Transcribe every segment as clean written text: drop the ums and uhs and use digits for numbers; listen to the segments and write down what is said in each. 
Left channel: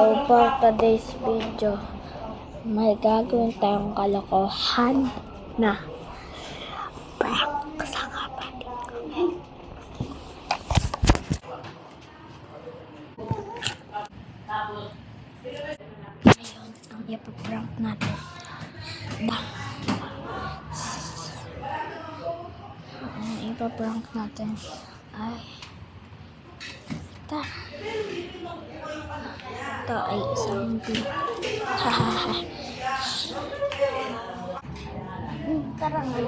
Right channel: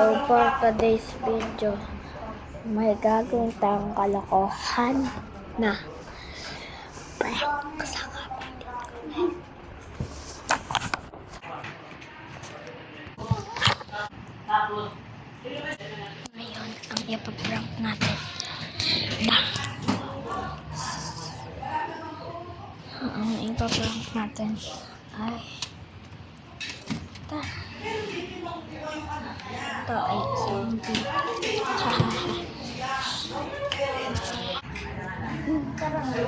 For today's video, may gagawin tayong kalokohan na prank sa kapatid ko. Ngayon, ang ipaprank natin. Ang ipaprank natin ay ito ay isang video. Karang ay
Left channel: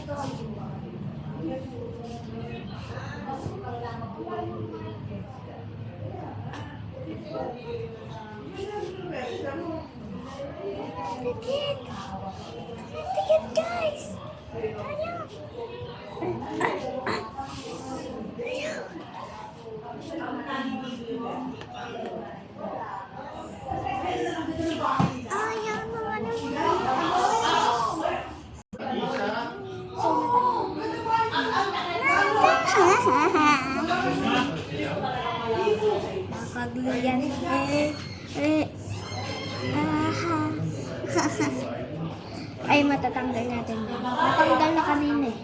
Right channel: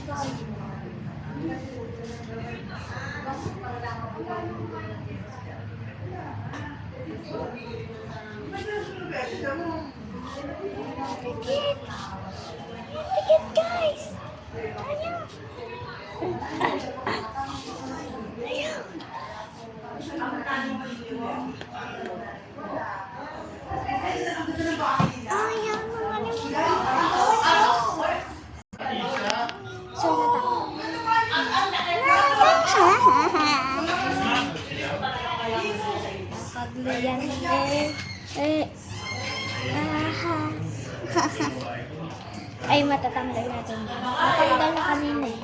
ito ay Tikit guys! Ayaw! Ayaw! Ayaw naman yung nakagliyan ay matatanggal natin. Matanggal na kanina eh.